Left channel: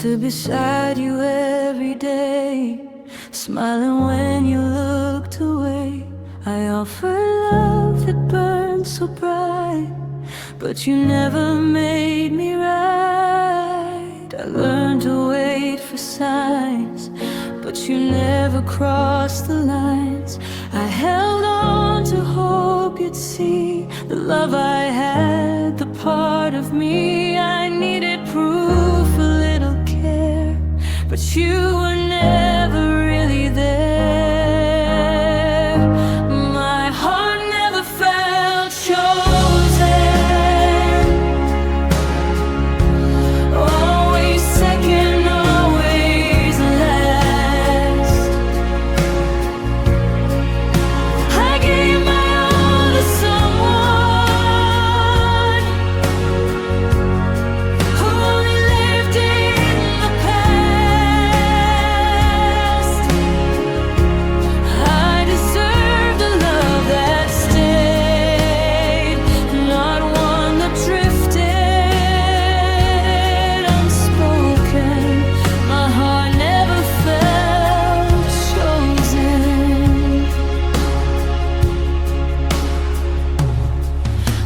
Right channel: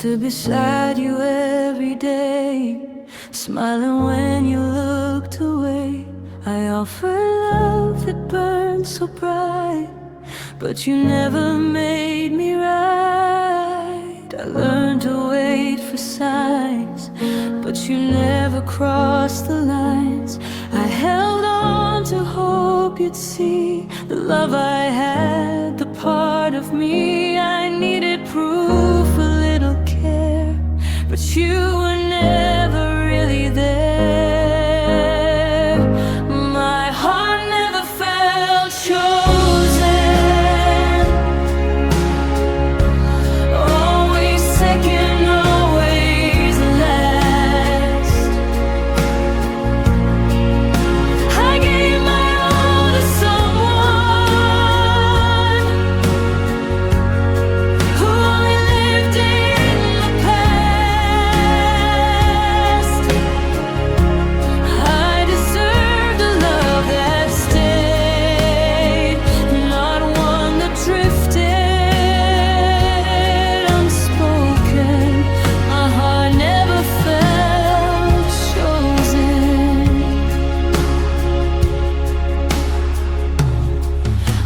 stood beside you every day, smiling when you looked away. I offered love that burned so bright, but you never made me right. I learned to wait for signs, but you never crossed the lines. I held on to hope you'd see the love I had, the part of me I needed proof, a little care, but you were never really there. My heart never felt chosen, always second, always last. I gave my all to someone who only lived in the past. I deserved a love that stayed, not one that drifted unspoken. My heart never felt chosen.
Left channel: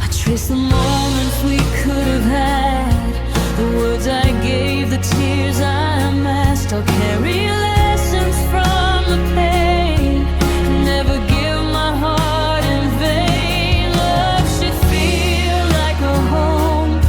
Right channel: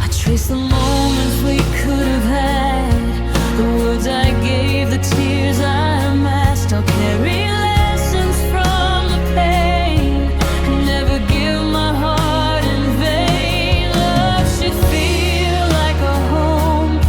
I trace the moments we could have had, the words I gave, the tears I masked. I'll carry lessons from the pain, never give my heart in vain. Love should feel like a home,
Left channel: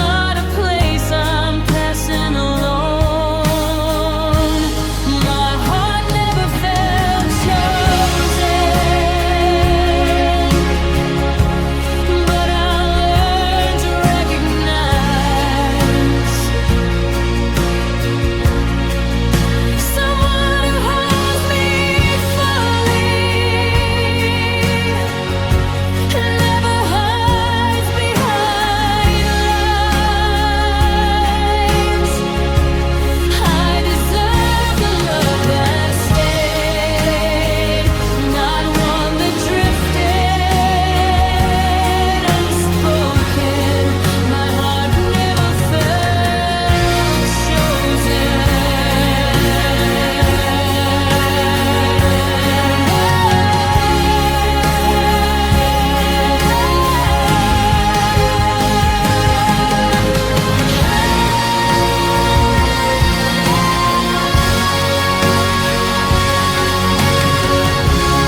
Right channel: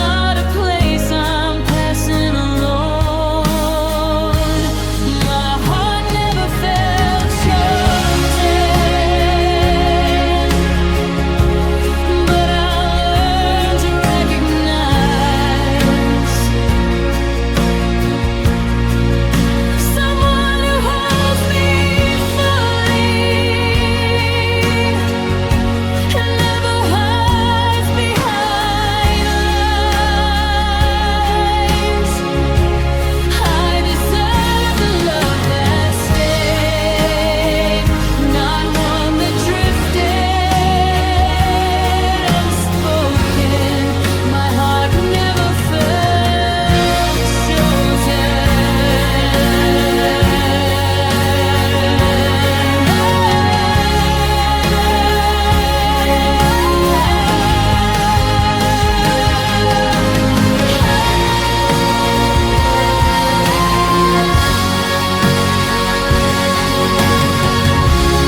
not a place I'm passing alone. My heart never felt chosen, but I learned to recognize someone who holds me fully and never hides behind lines.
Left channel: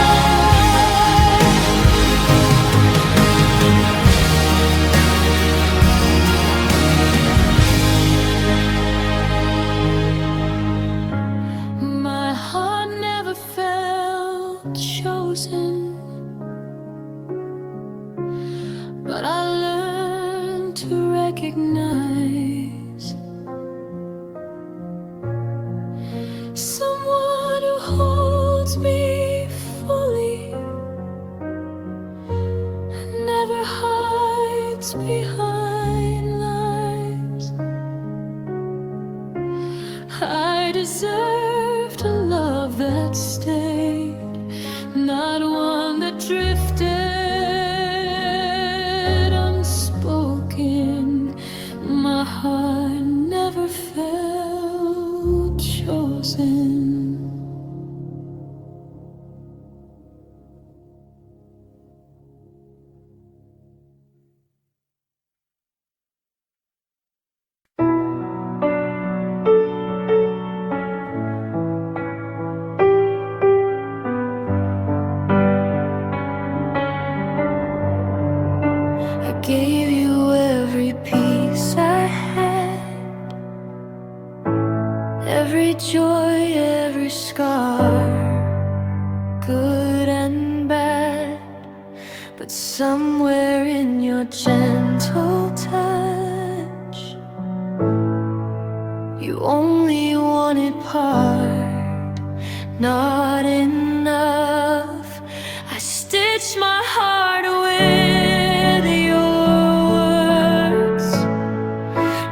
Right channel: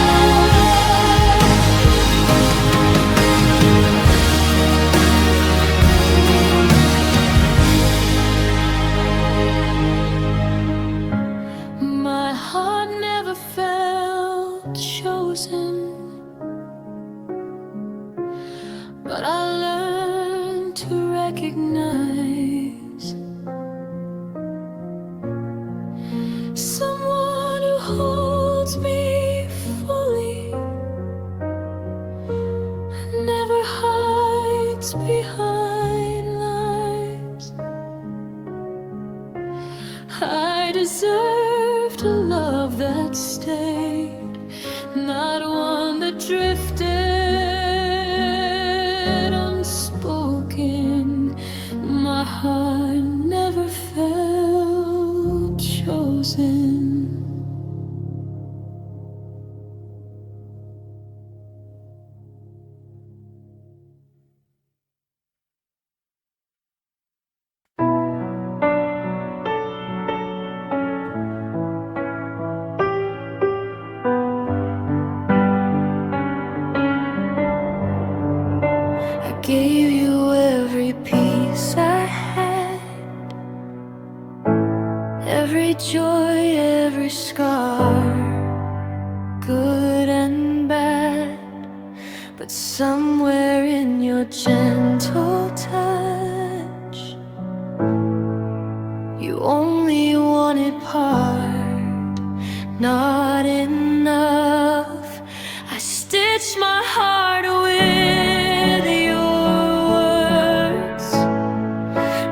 I deserve the love that stayed, not one that drifted unspoken. My heart never felt chosen. My heart never felt chosen, but I learned to recognize someone who holds me fully and never hides behind lies. I deserved a love that stayed, not one that drifted unspoken. My heart never felt chosen. I gave you every piece I had, every joy, every scar, good and bad. But somewhere in your gentle touch, you only wanted part, not enough. I stitched my heart with your words,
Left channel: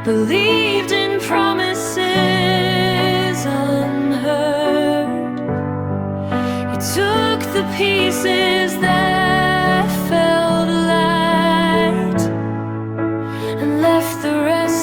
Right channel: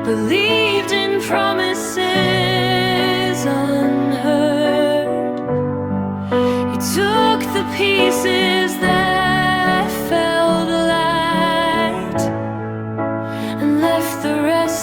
believed in promises unheard. You took the pieces that felt light and left the rest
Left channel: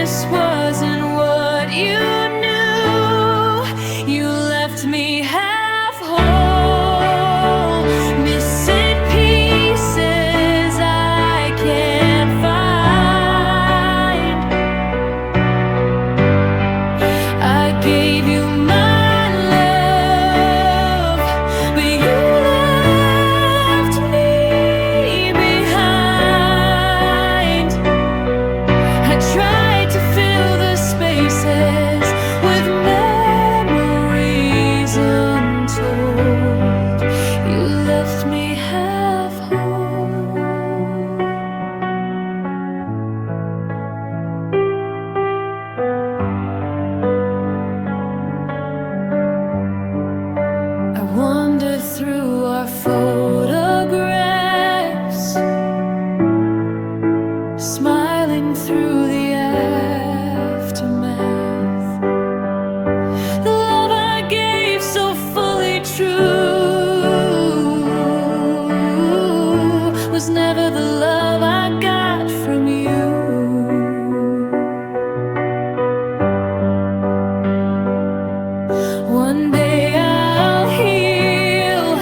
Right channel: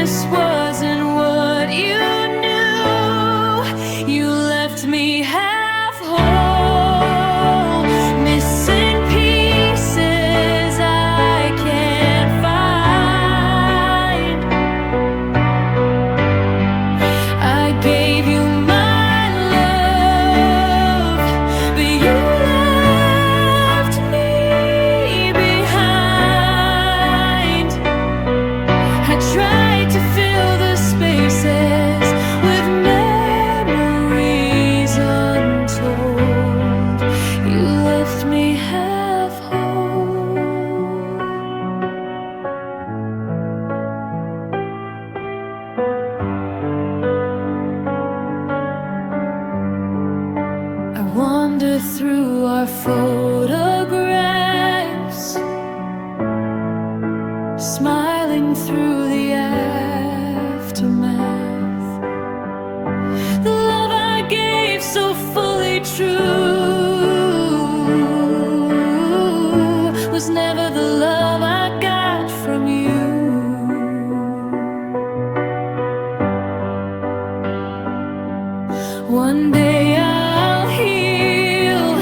this wasn't what you knew. You left me half whole, missing pieces I can't find. I gave you my love, but you left me behind. I tried to fill the spaces with memories untold. You left me half whole. I wander through our photographs, smiling through the aftermath. The love I gave so fully true was never the love I got from you. One day I'll heal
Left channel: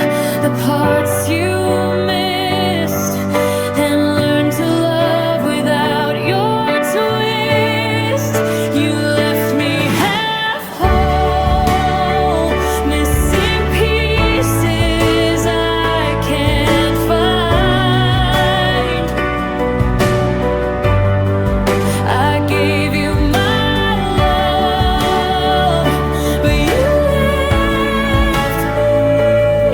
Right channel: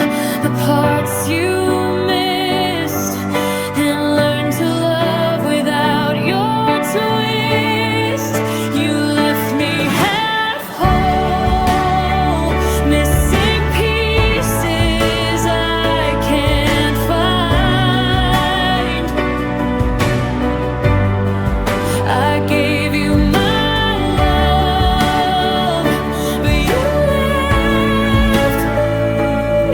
the parts you missed and learn to love without your twist. You left me half whole, missing pieces I can't find. I gave you my love, but you left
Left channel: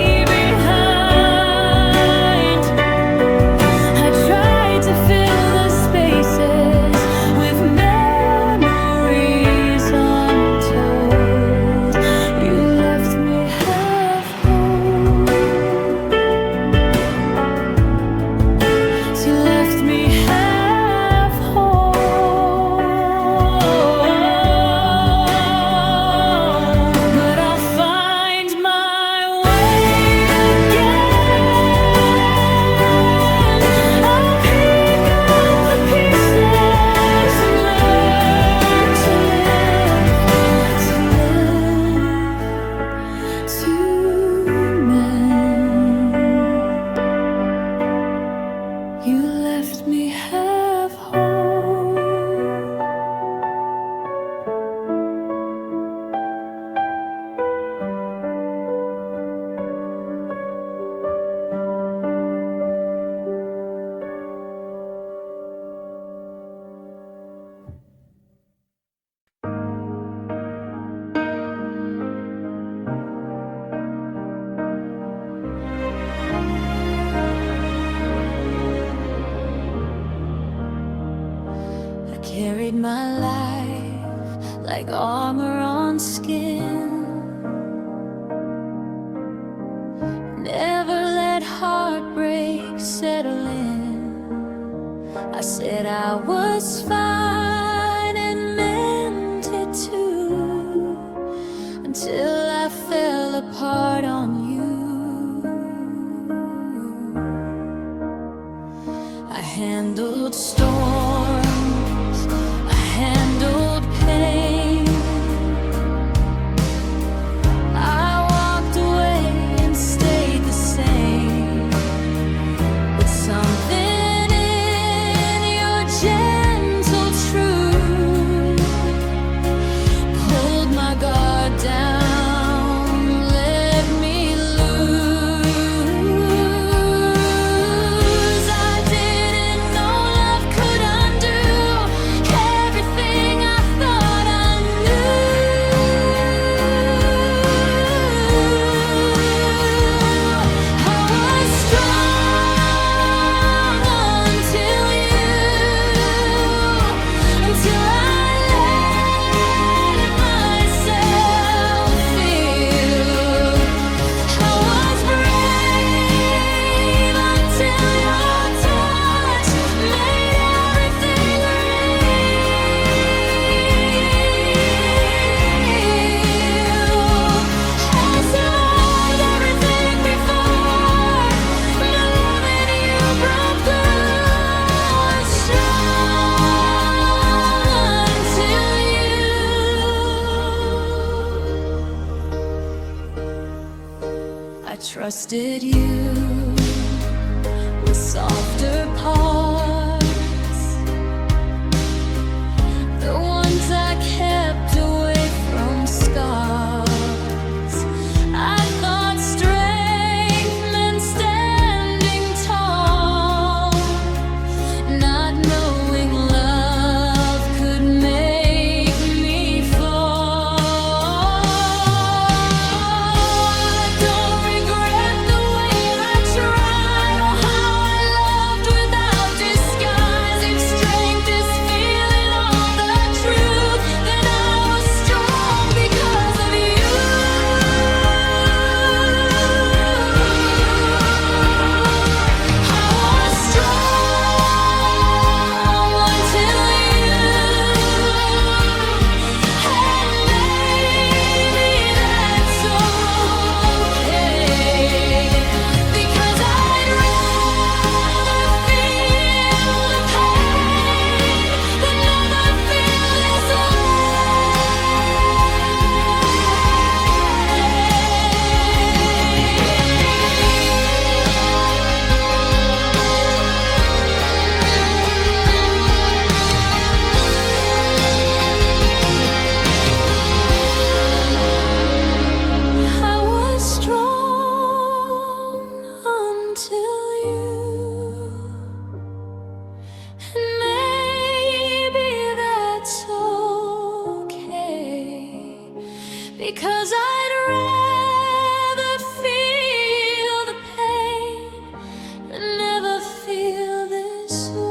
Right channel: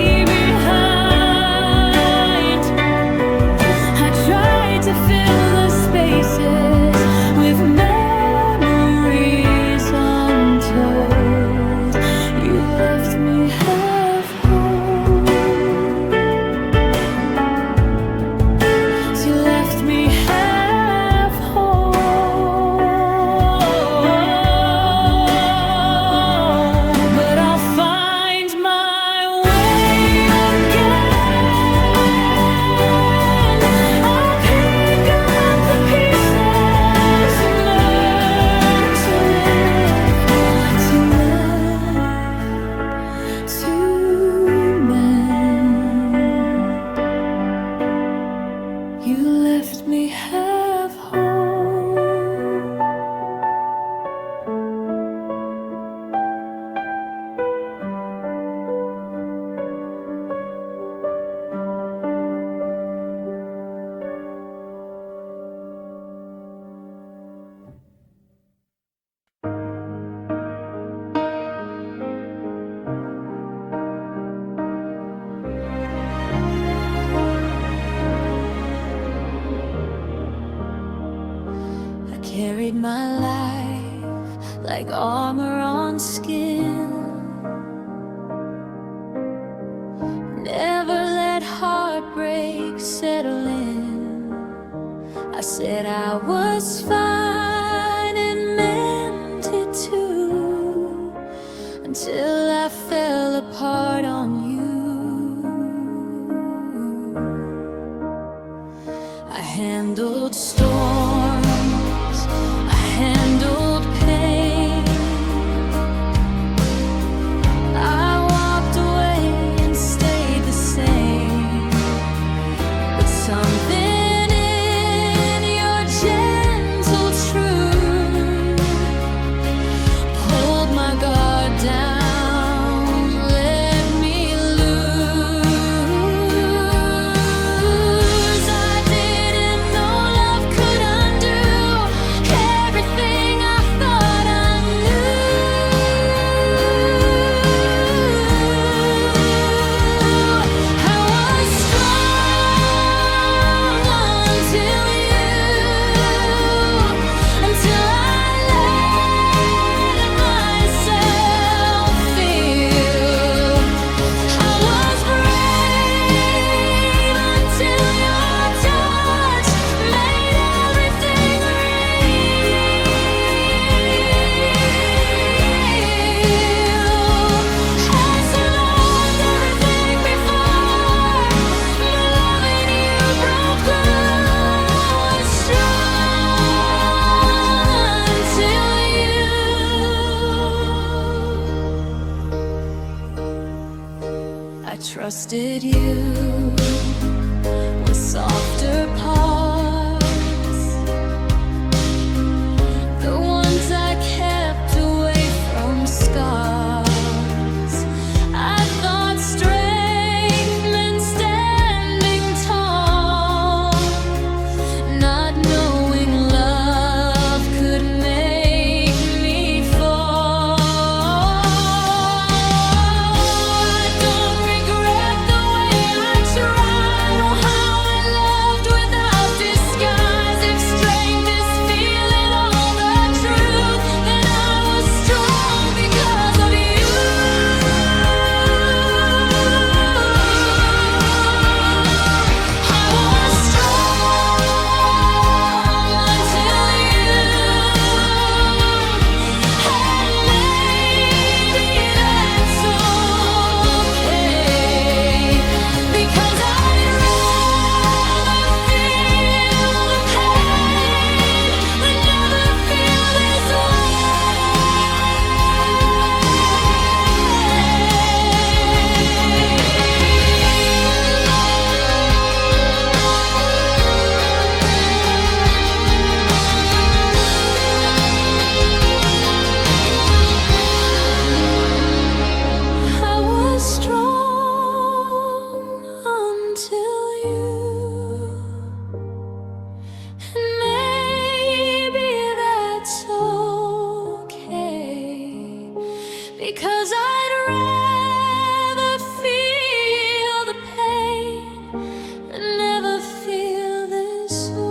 me behind. I tried to fill the spaces with memories untold. You left me half whole. You left me half whole. But I'll find my way again. I'll pick up the pieces and learn to live, to mend. You left me half whole. I carried my life like armor on skin. Never let heartbreak settle in. I said I was fine and meant it too, until I fell apart on you. I handled storms, I handled pain. I walked away and stayed the same. But something in your gentle truth pulled my guard down, let me lose. I didn't know love could undo everything I thought I knew. I was strong until I let myself trusted you with softer parts, the ones I kept away from scars. I thought strength meant standing tall, not knowing love could make me fall. I don't regret the way I tried or how I loved without disguise. If strength is feeling all the truth, then I was strong because of you. I was strong until you, and maybe that's okay, because I'd rather feel the pain than never feel this I was strong until you, and maybe that's okay, because I'd rather feel the pain than never feel this way.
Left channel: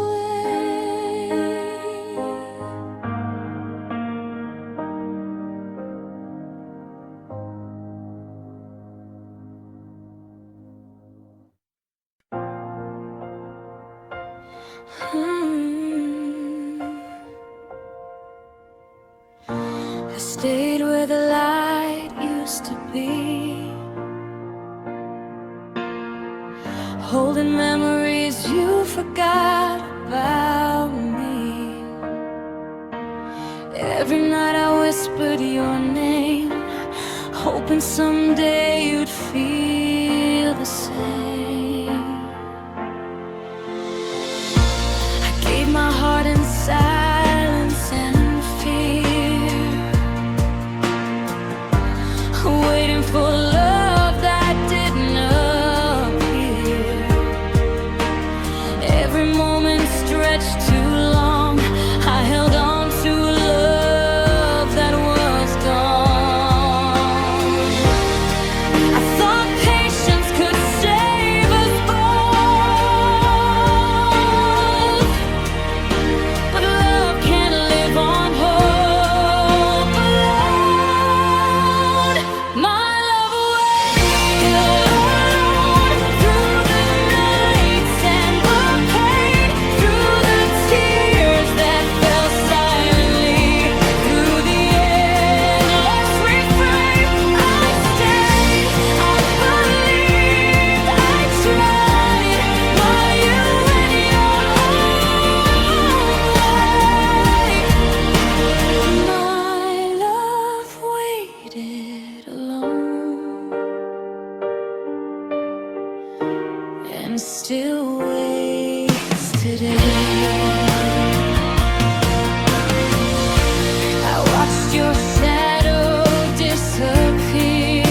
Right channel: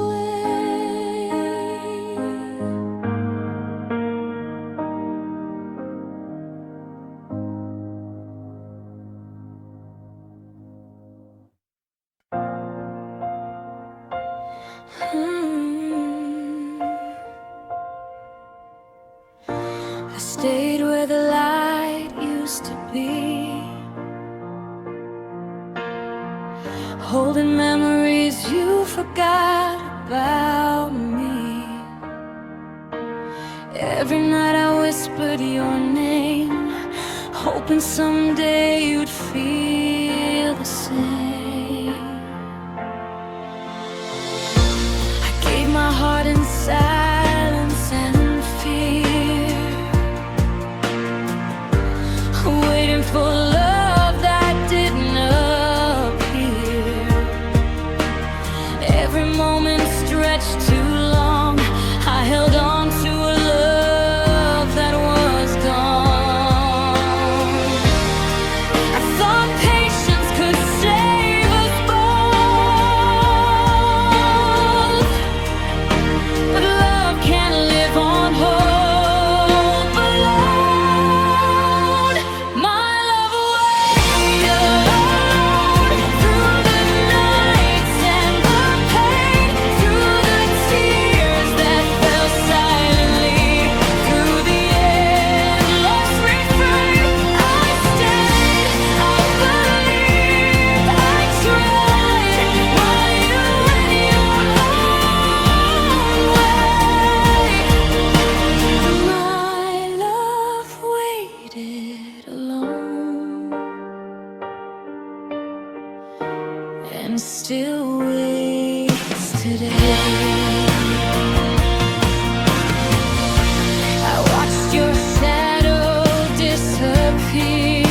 I stayed where the light used to be, holding memories you forgot about me. Every night I whispered your name, hoping someday you'd feel the same. I gave my heart in silence and fear, waiting for love that didn't appear. Every moment stretched too long, I held on to a love that was gone. I thought patience could save us both, but love can't live on hope alone. My love waited alone through the nights and the pain, through the tears that fell silently, through the endless refrain. I stayed, I believed, I tried, while you went your own way. My love waited alone, and still waits today. I watched your shadow disappear,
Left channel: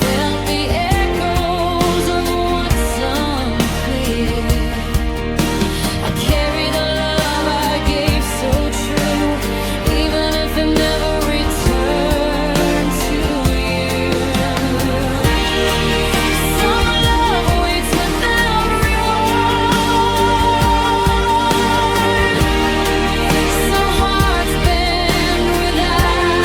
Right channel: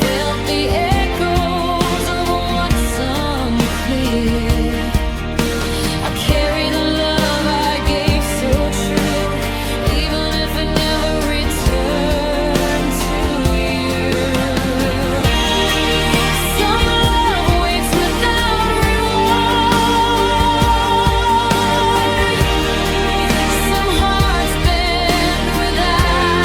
felt the echoes of what's unclear. I carry the love I gave so true, even if it never returned to you. Some love waits without reward, some hearts bend without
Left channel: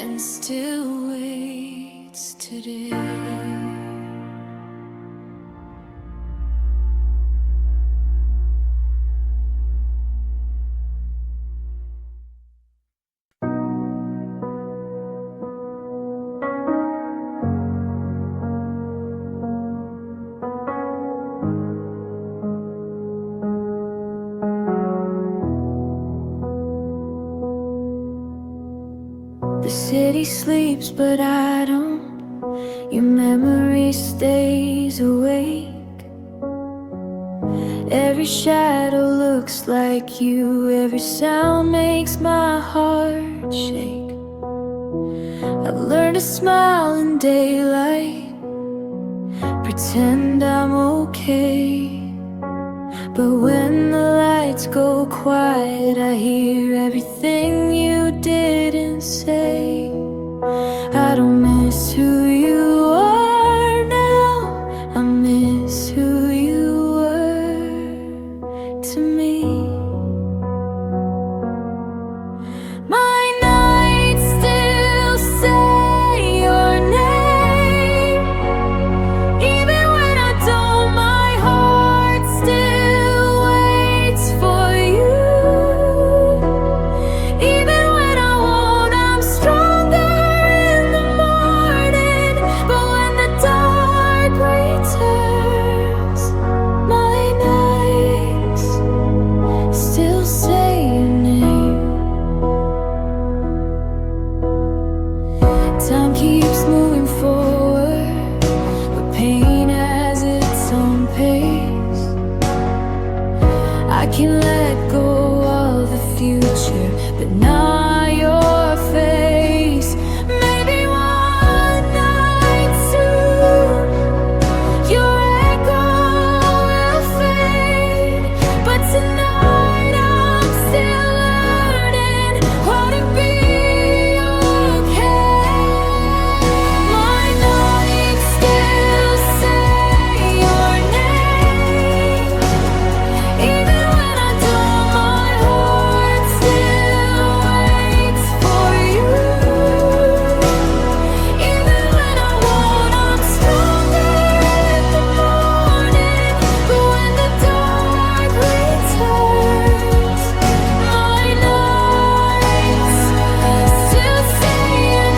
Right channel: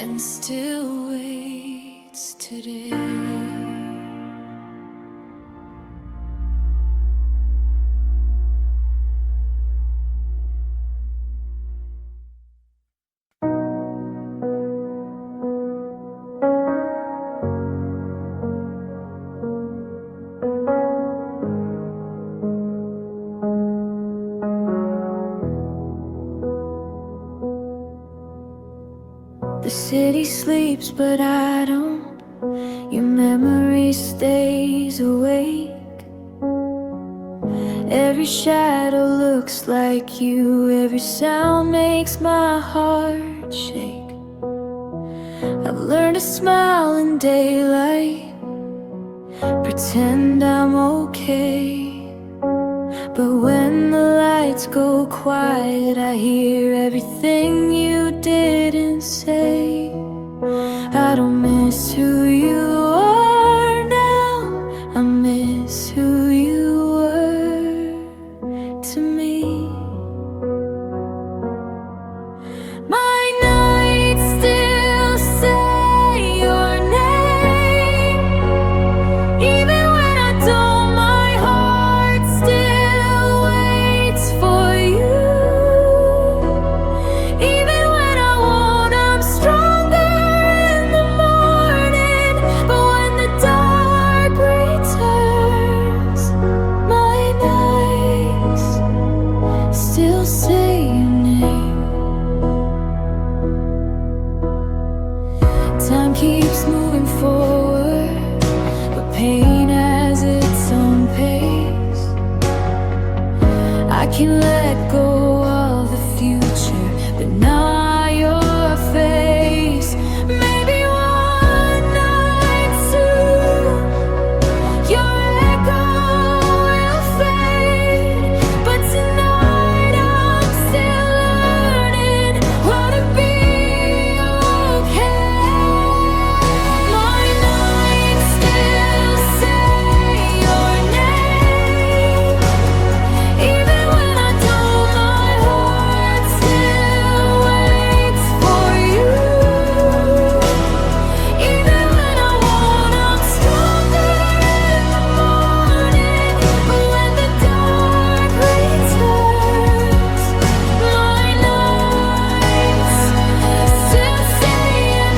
and still waits today. The city sleeps, but I don't. Your memory stays awake. Every shadow looks like you. Every sound makes my heart shake. I've learned to smile in daylight, pretend I'm okay. But when the lights go quiet, I hear everything you didn't say. I don't miss who you are now, I miss who you were to me. My nights still say your name, even when I don't, my heart still waits for you. Even when I won't, I'm stronger in the morning. But when the dark returns, my nights still say your name. Time keeps moving forward, but pain has its own pace. I can let go of the future, but not your face. Maybe one night soon your echo will fade, but tonight I'm still learning how to be okay. My nights still say your name, even when I don't, my heart still waits for you. Even when I won't, I'm stronger in the morning. But when the dark returns, my nights still say your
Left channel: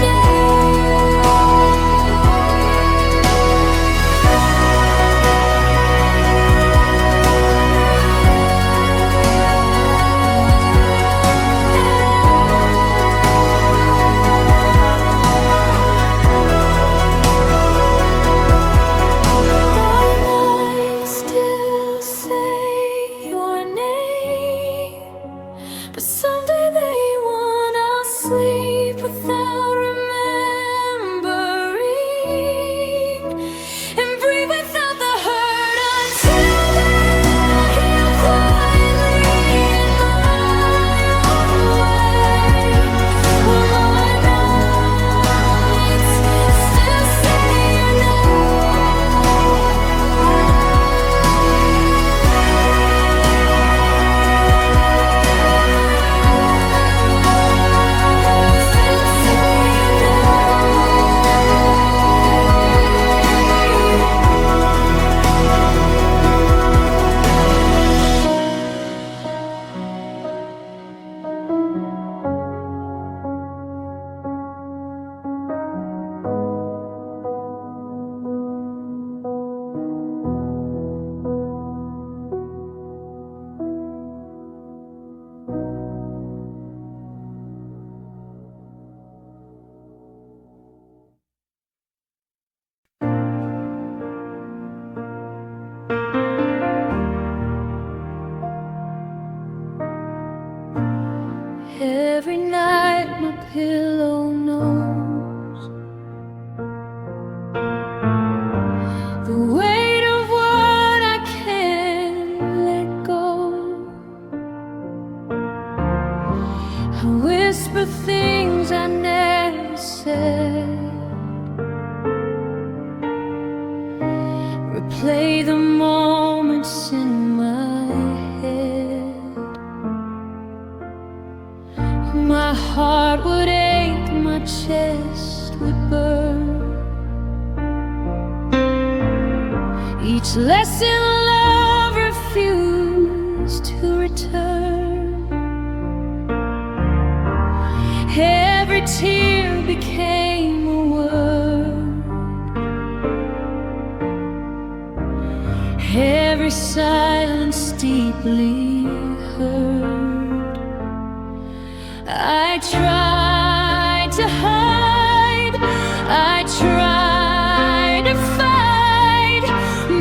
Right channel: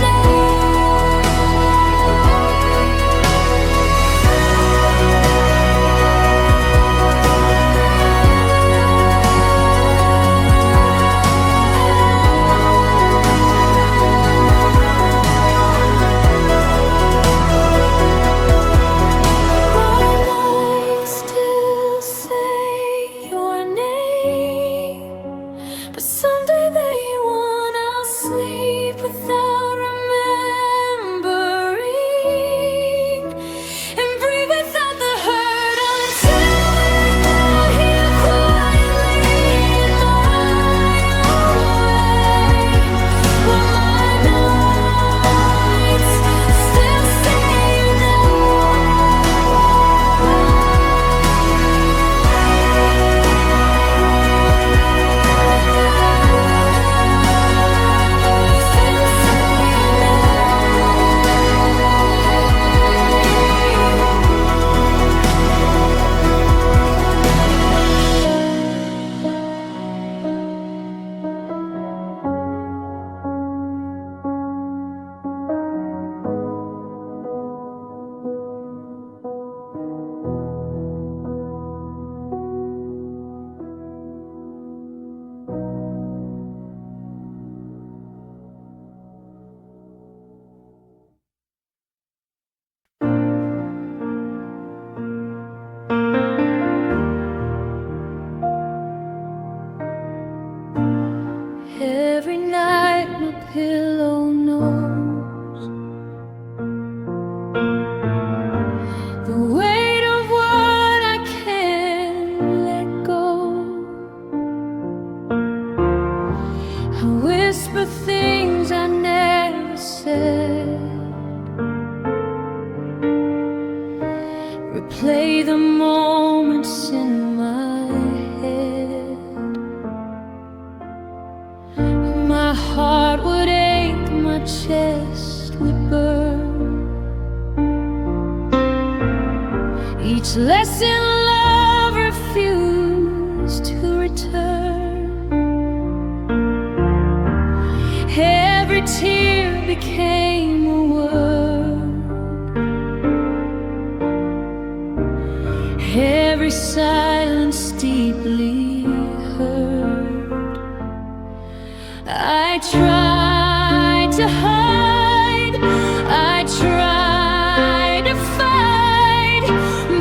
My nights still say your name, but someday they won't. I'll sleep without remembering, and breathe without the hurt, until then I'll heal quietly in my own way. Well, my nights still say your Every night my pillow knows the weight of what I can't let go. I whisper things I never said, replay the moments in my head. My heart would ache, my chest would burn. Each lesson love refused to return. Every tear became a word. Every silence deeply heard. I tried to hide, I tried to fight,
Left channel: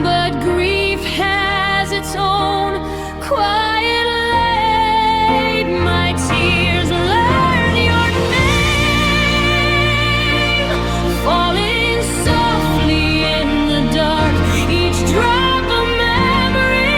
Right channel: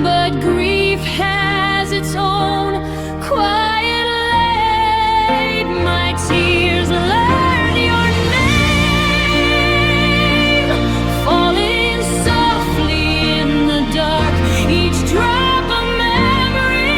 but grief has its own quiet light. My tears learn your name, falling softly in the dark. Each drop a memory,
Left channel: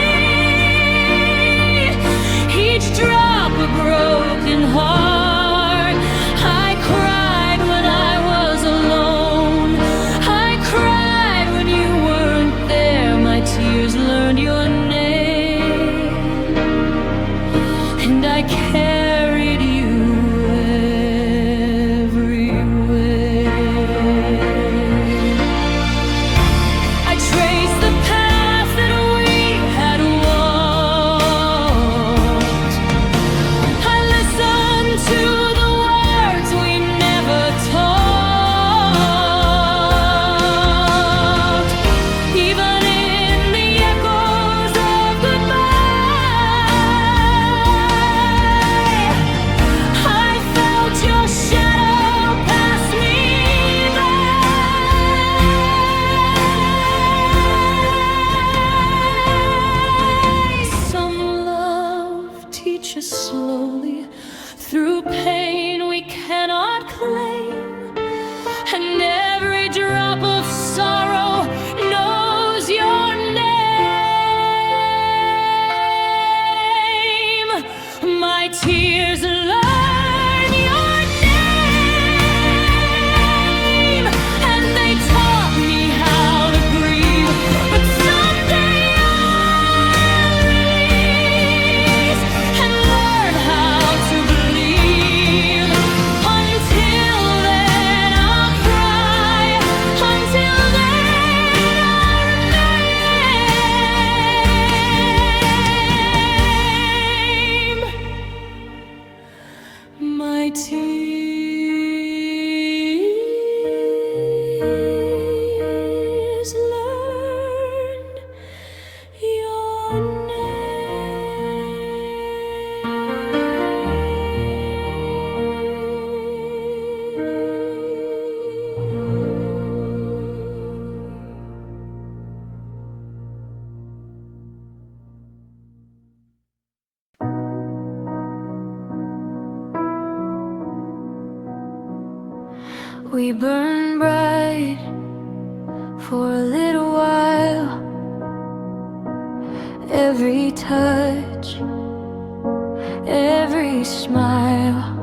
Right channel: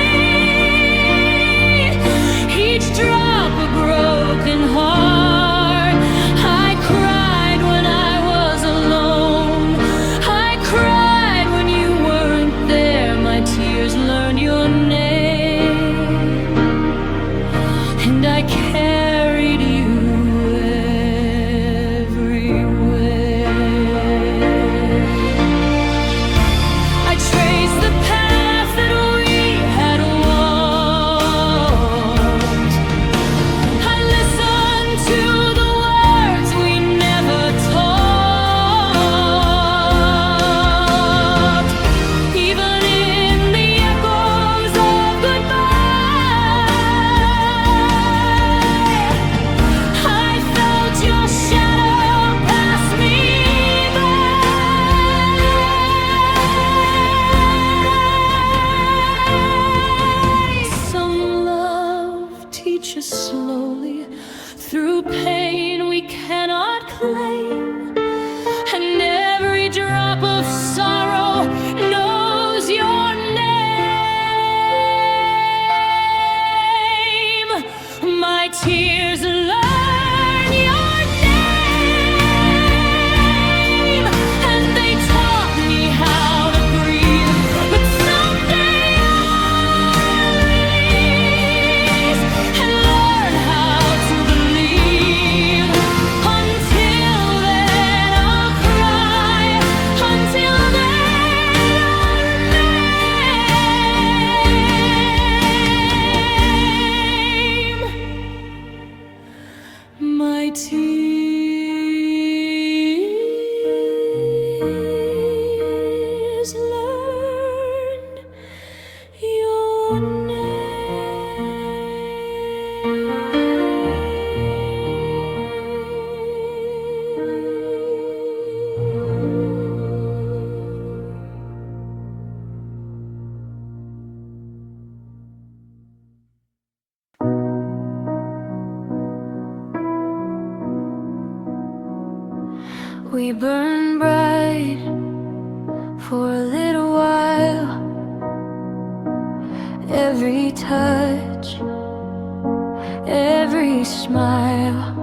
each drop a broken heart. I cried when I was alone, I cried when you weren't there. My tears learned your name, and I carried you everywhere. I traced the path that we had walked. I listened to the words we never talked. Even in the echoes of goodbye, I felt your shadow pass me by. Some love teaches slowly through pain we cannot claim, and every drop of sorrow knows your name. My tears learn your name, and they taught me how to grieve. But someday I'll release and learn how to believe. Until then I'll cry, until then I'll remain. My tears learned your name. We burn bright for a little while. Every touch, every smile.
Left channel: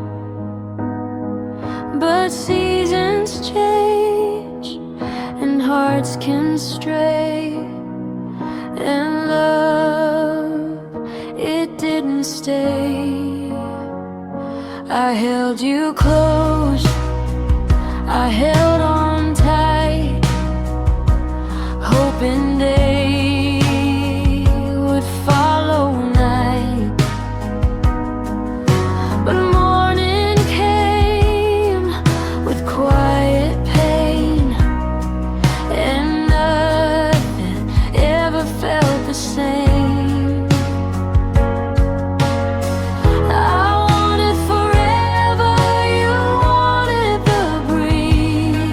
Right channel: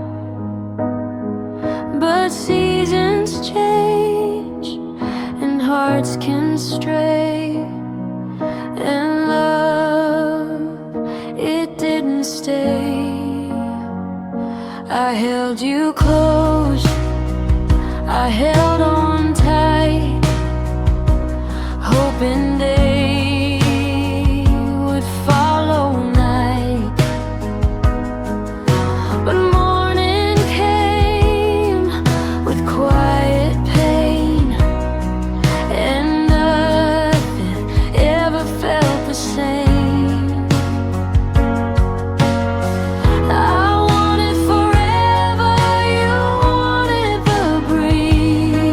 But seasons change and hearts can stray, and love, it didn't stay. I held you close, I held on tight, hoping day would follow night. But morning came with quiet pain, and nothing ever felt the same. I wanted forever, you wanted the breeze.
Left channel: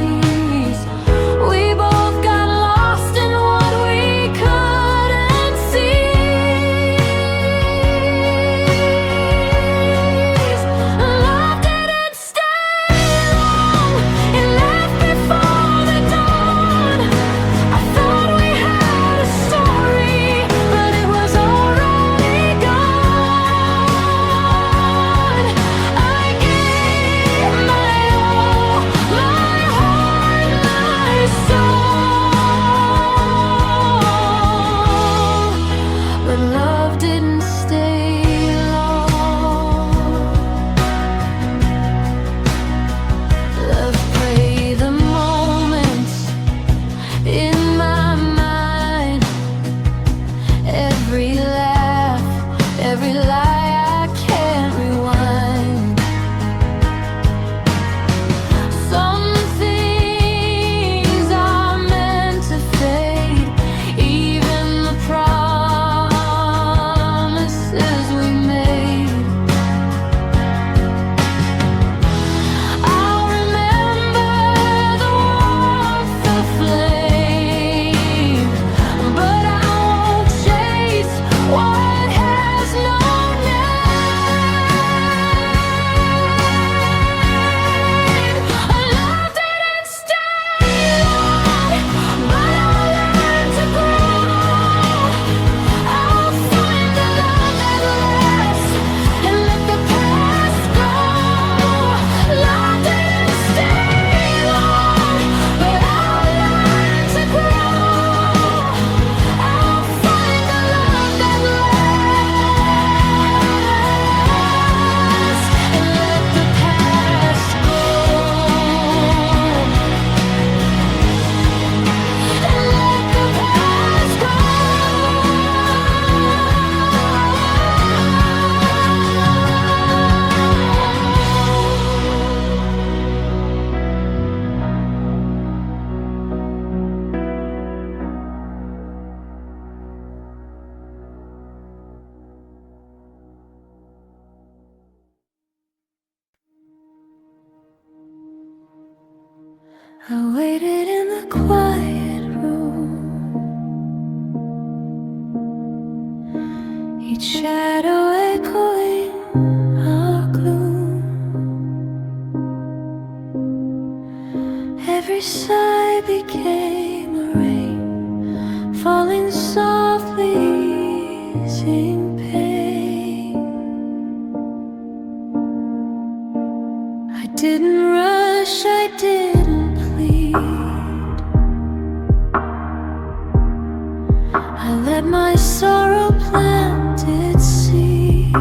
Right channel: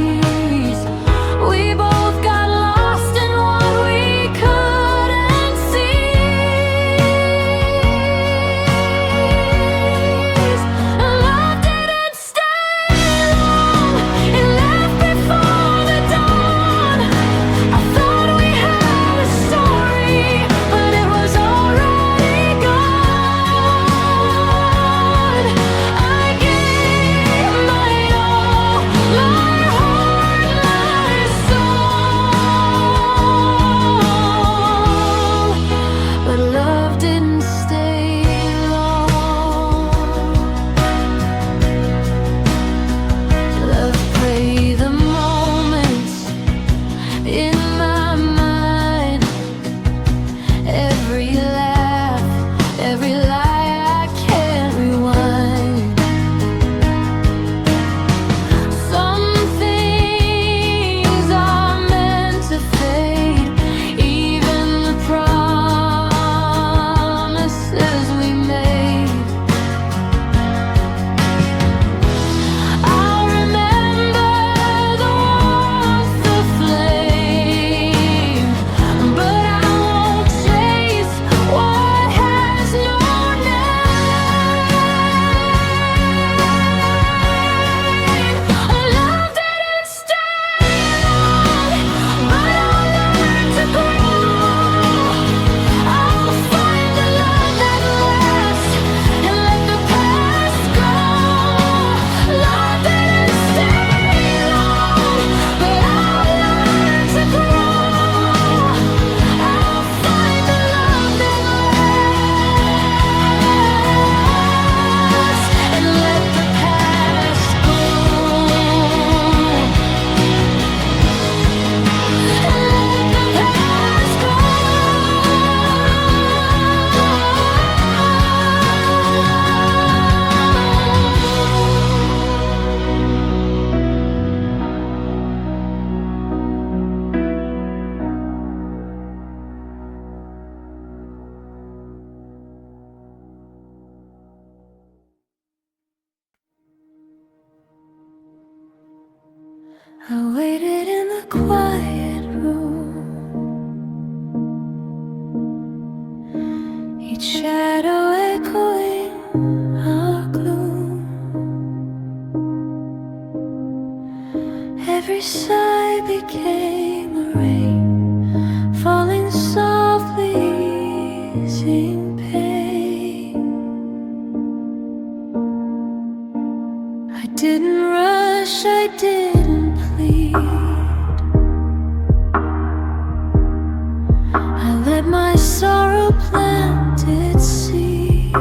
quiet room. Each shadow echoing our gloom. Every sigh became a rain, falling softly, easing pain. I didn't rush, I didn't plead. I let my sorrow plant its seed.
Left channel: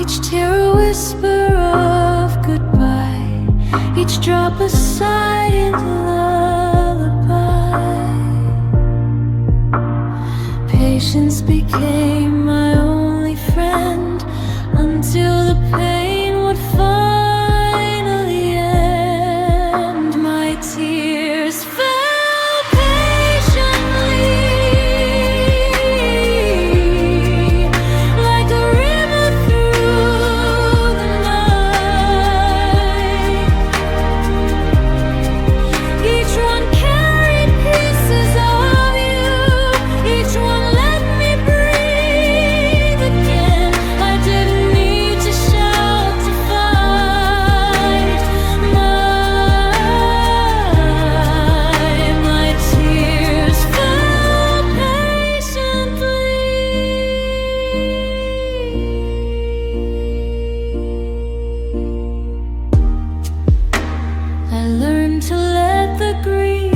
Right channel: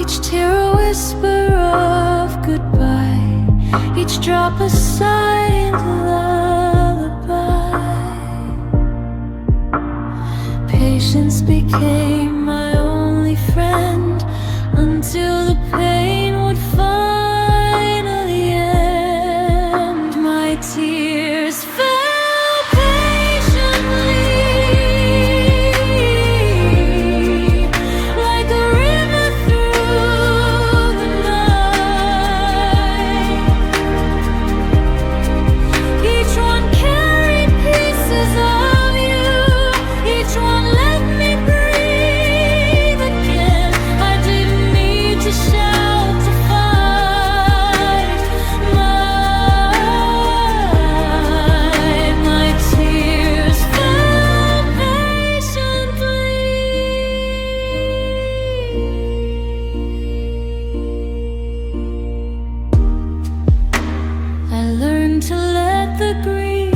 Each tear a whisper of goodbye, each drop a silent lullaby. Patience became my only friend until the pain would finally end. My tears fell patiently, like a river through the night. Each one carried pieces of you, each one let me breathe again. I didn't need to shout to fight my tears fell patiently. I learned to let the grief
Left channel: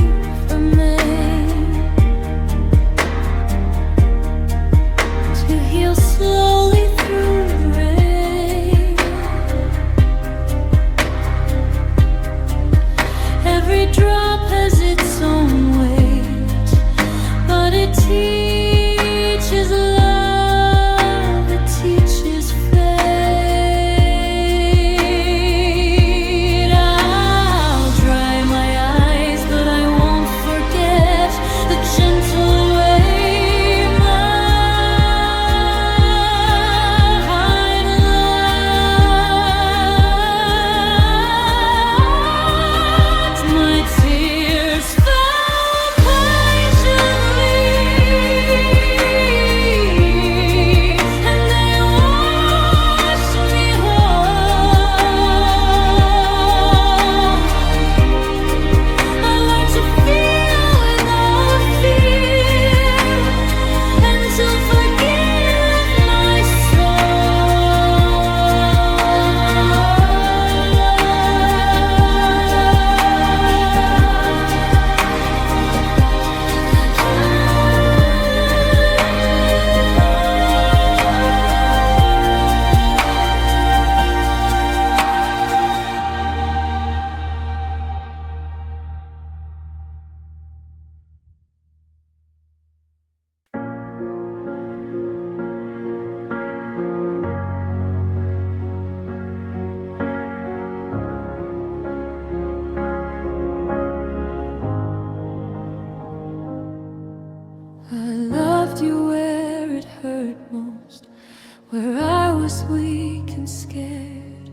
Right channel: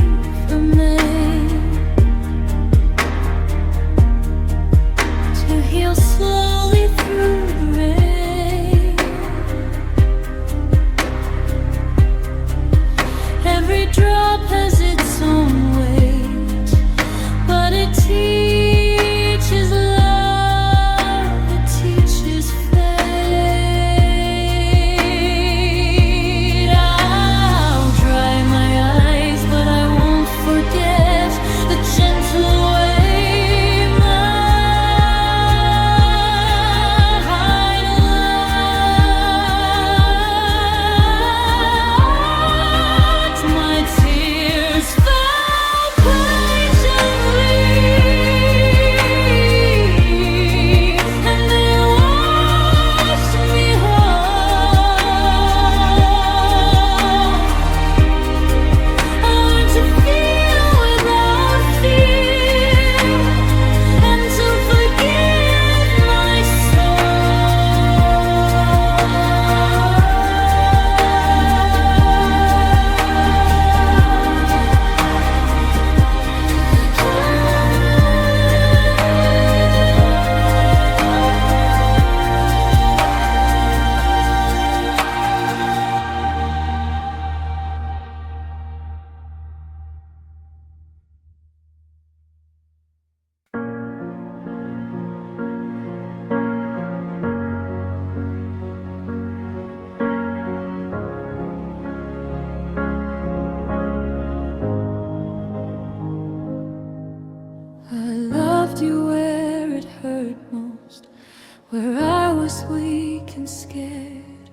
remain, to heal slowly through the rain. Every drop has its own weight, but it teaches love, it teaches fate. I'll dry my eyes, but I won't forget the gentle way my heart loved. My tears fell patiently, and they washed me whole. I learned to feel without fear, and to forgive my I loved you where it hurt most, where I was weak and scared.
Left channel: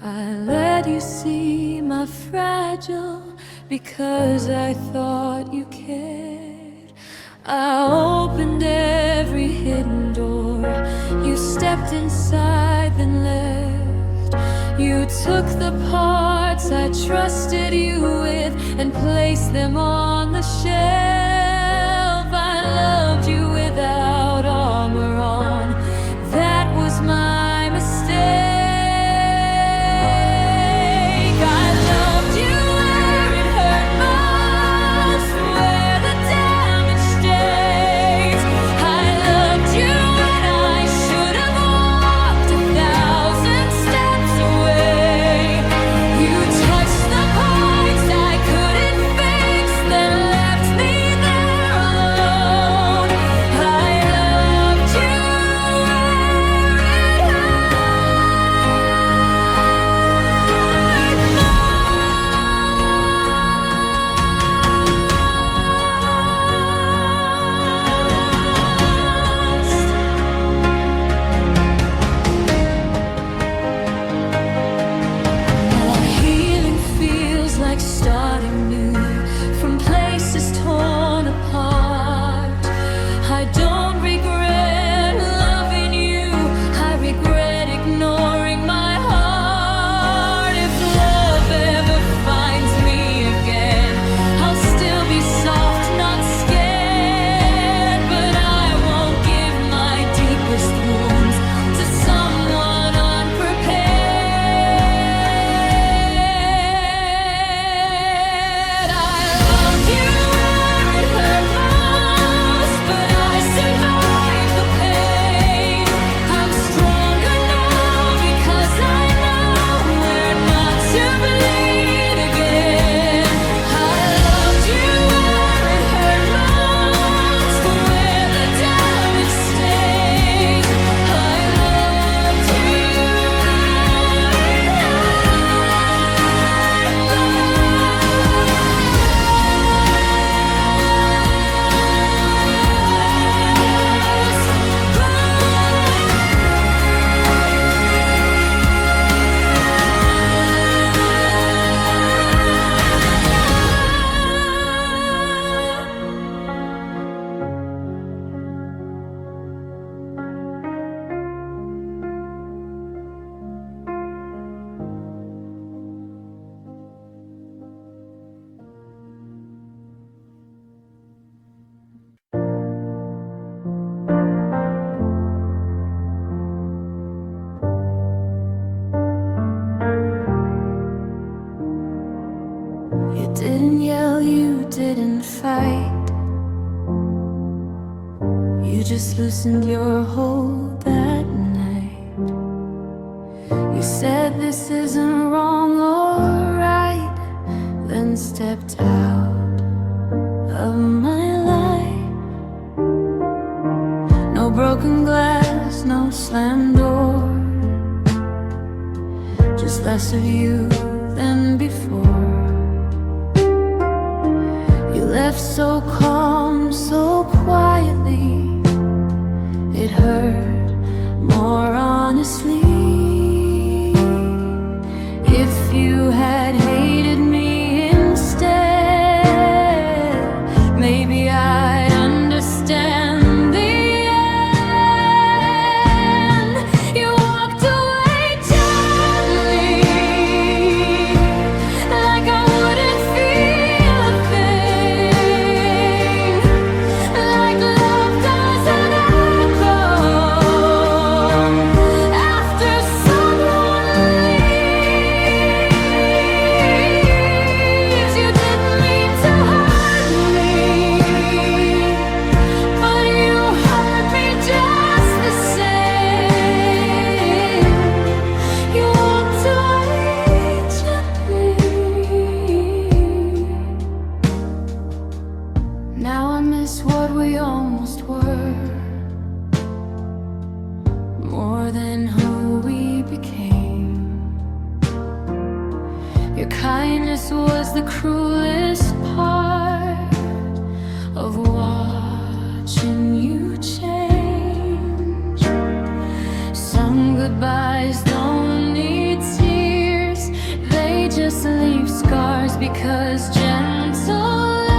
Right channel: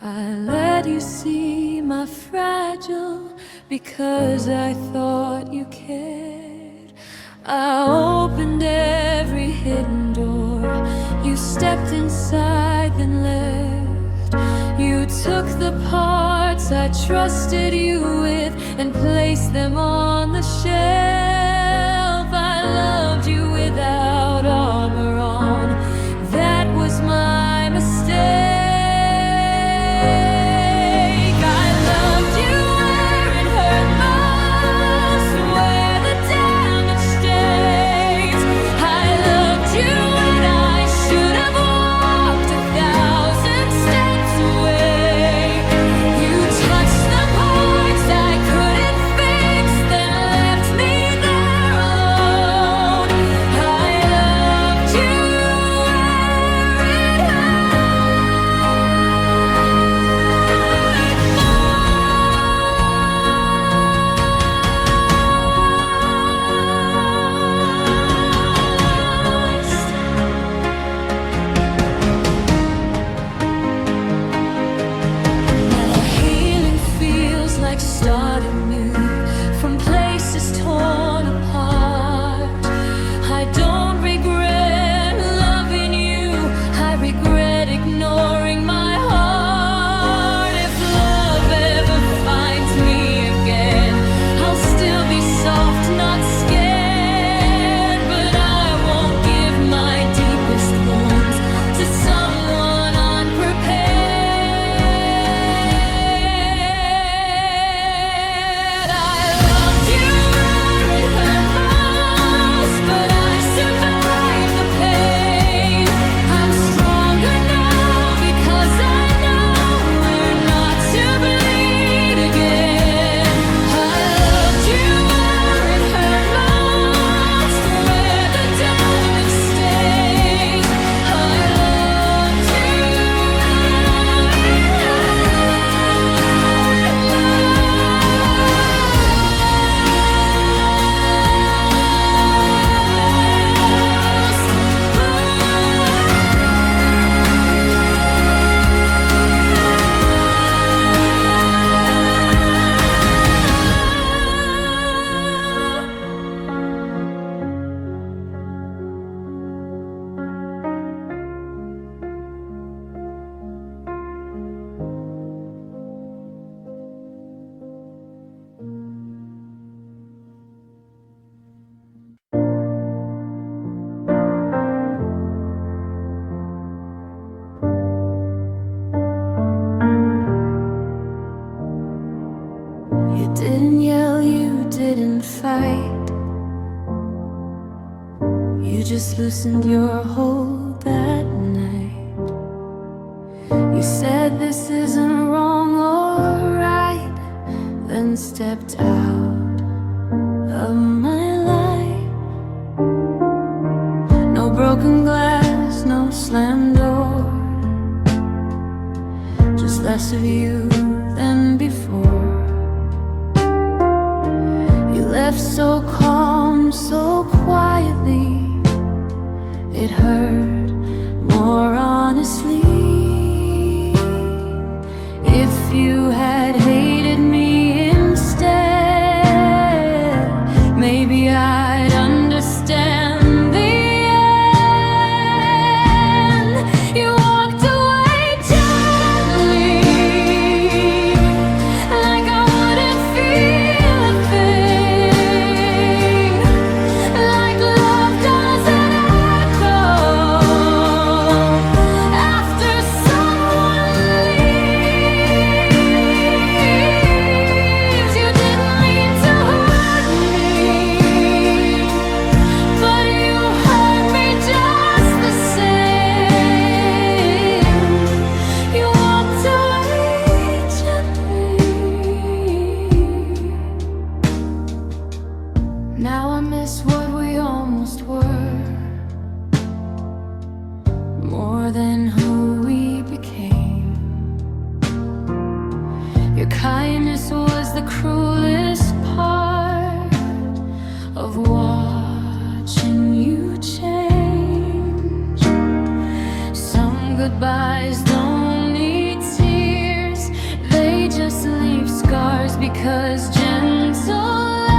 I let you see my fragile because I thought you cared. I opened every hidden door, you stepped inside then left. You took the parts I trusted you with and placed them on the shelf. I loved you without armor on, that was my mistake. I loved you where it hurt most, where the damage stays. I loved you when I should have walked 1,000 steps away. You touched the parts I couldn't fix, then left me there alone. I like starting new from places torn apart. I don't regret loving you, I regret ignoring my heart. If love ever finds me again, I'll still be soft, not scared. But I won't give my deepest wounds to someone unprepared. You didn't yell, you didn't fight. You just loosened your hold that night. You said this isn't wrong or right, then stepped out of my life. No broken glass, no slammed door, just less of you than before. You left so calm, so quietly, it hurt more honestly. If you had hated me instead, maybe I'd understand the end. You walked away gently, like I wouldn't feel a thing, like love doesn't echo after someone leaves. You didn't mean to hurt me, but you hurt me just the same. You walked away gently. Now I miss what we almost were, more than who we became. Your kindness was the cruelest part of watching you change. Some goodbyes don't need tears, they just leave scars, because gentle